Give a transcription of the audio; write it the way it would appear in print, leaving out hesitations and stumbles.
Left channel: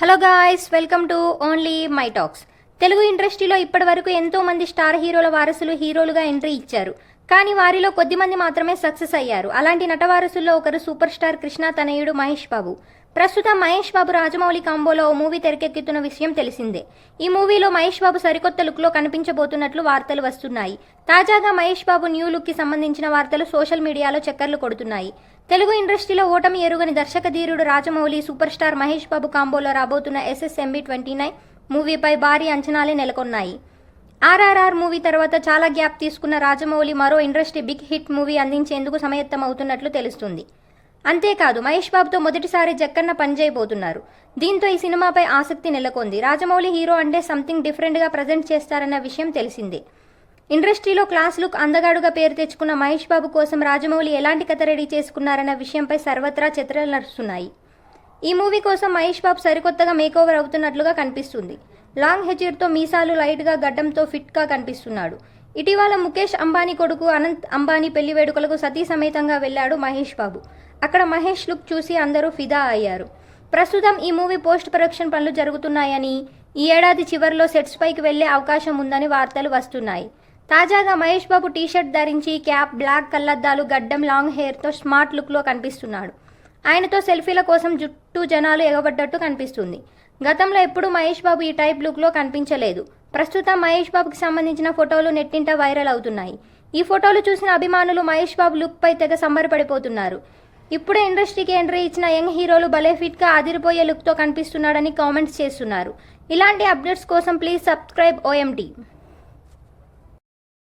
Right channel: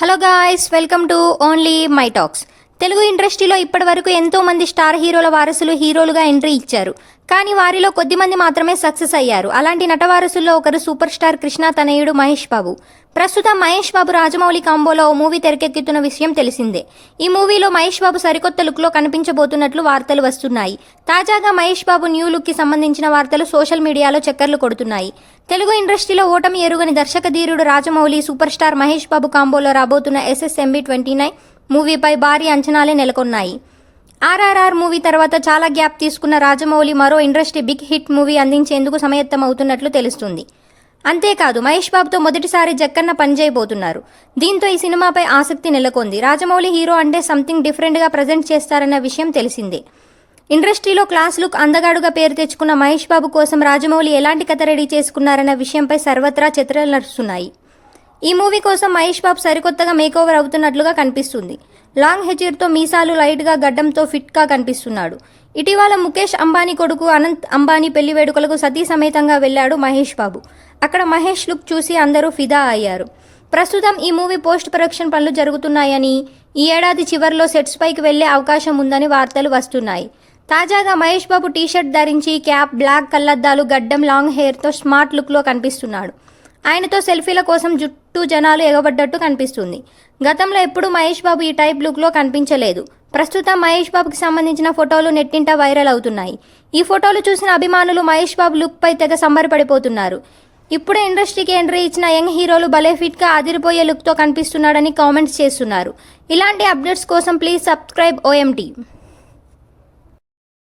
Hello guys, welcome to only my talks. Telugu ఇండస్ట్రీలో ఇప్పటి వరకు ఎంతో మంది స్టార్ హీరోల వారసులు హీరోలుగా ఎంట్రీ ఇచ్చారు. కానీ వారిలో కొద్ది మంది మాత్రమే సక్సెస్ అయ్యారు. అలాంటి నట వారసుల్లో ఒకరు సూపర్ స్టార్ కృష్ణ తనయుడు మహేష్ బాబు. ప్రస్తుతం మహేష్ బాబు రాజమౌళి కాంబోలో ఓ మూవీ తెరకెక్కుతున్న విషయం తెలిసిందే. ఈ మూవీలో మహేష్ బాబు సరికొత్త లుక్లో కనిపించబోతున్నట్లు వార్తలు వస్తున్నాయి. తాజాగా మహేష్ బాబు న్యూ లుక్కి సంబంధించిన వార్తలు సోషల్ మీడియాలో చక్కర్లు కొడుతున్నాయి. తెలుగు ఇండస్ట్రీలో ఓటమి ఎరుగని దర్శక ధీరుడు రాజమౌళి సూపర్ స్టార్ మహేష్ బాబు కాంబోలో రాబోతున్న SSMB 29 మూవీపై భారీ అంచనాలే నెలకొన్నాయి. RRR మూవీ తర్వాత చాలా గ్యాప్ తీసుకున్న రాజమౌళి మరో ఇండస్ట్రీ బిగ్ హిట్ మూవీ అందించేందుకు సమాయత్తమవుతున్నట్లు తెలుస్తుంది. అంతేకాదు మహేష్ బాబుతో మొదటిసారి జక్కన్న పనిచేయబోతున్నారు. దీంతో ఈ సినిమాపై ఆసక్తి నెలకొంది. రాజమౌళి హీరో అంటే సంథింగ్ డిఫరెంట్గా ప్రజెంట్ చేస్తారన్న విషయం తెలిసిందే. ఇండస్ట్రీలో క్లాస్ లుక్ అందగాడుగా పేరు తెచ్చుకున్న మహేష్ బాబు కోసం రాజమౌళి ఎలాంటి కథ రెడీ చేసుకున్నారన్న విషయంపై సర్వత్రా చర్చలు నడుస్తున్నాయి. ఈ మూవీ కోసం మహేష్ బాబు సరికొత్తగా మేకోవర్ అవుతున్నట్లుగా కనిపిస్తుంది. లాంగ్ హెయిర్తో మీసాలు లైట్గా గడ్డంతో ఫిట్గా కనిపిస్తున్నాడు. ఇటీవల ముఖేష్ అంబానీ కొడుకు అనంత్ అంబానీ పెళ్లి వేడుకలకు సతీ సమేతంగా వెళ్లాడు మహేష్ బాబు. అక్కడ మహేష్ లుక్ చూసి అందరూ ఫిదా అయ్యారు. ప్రస్తుతం ఈ మూవీ పోస్ట్ ప్రొడక్షన్ పనులు జరుగుతున్నాయని, ఈ ఏడాది చివరిలో సెట్స్ పైకి వెళ్లే అవకాశం ఉందని వార్తలు వస్తున్నాయి. తాజాగా మహేష్ బాబు టీషర్ట్ ధరించి క్యాప్, బ్లాక్ కళ్లద్దాలు, గడ్డం, లాంగ్ హెయిర్తో స్మార్ట్ లుక్లో కనిపిస్తున్నాడు. ఆయనతో సెల్ఫీల కోసం చుట్టూ జనాలు ఎగబడ్డట్టు కనిపిస్తుంది. గతంలో ఎప్పుడూ మహేష్ బాబు ఈ టైప్ లుక్లో కనిపించలేదు. ప్రస్తుతం మహేష్ బాబుకి సంబంధించిన ఫోటోలు నెట్టింట వైరల్ అవుతున్నాయి. ఈ ఫోటోలు చూసిన అభిమానులు మహేష్ బాబు లుక్పై తెగ సంబరపడిపోతున్నారు. ఇప్పుడే ఇండస్ట్రీకి ఎంట్రీ ఇచ్చిన యంగ్ హీరోలు భలే ఫిట్గా అదిరిపోయే లుక్తో కనిపిస్తున్నాడని కామెంట్స్ చేస్తున్నారు. ఇలాంటి అప్డేట్స్ కోసం ప్లీజ్ సబ్స్క్రైబ్ OMT.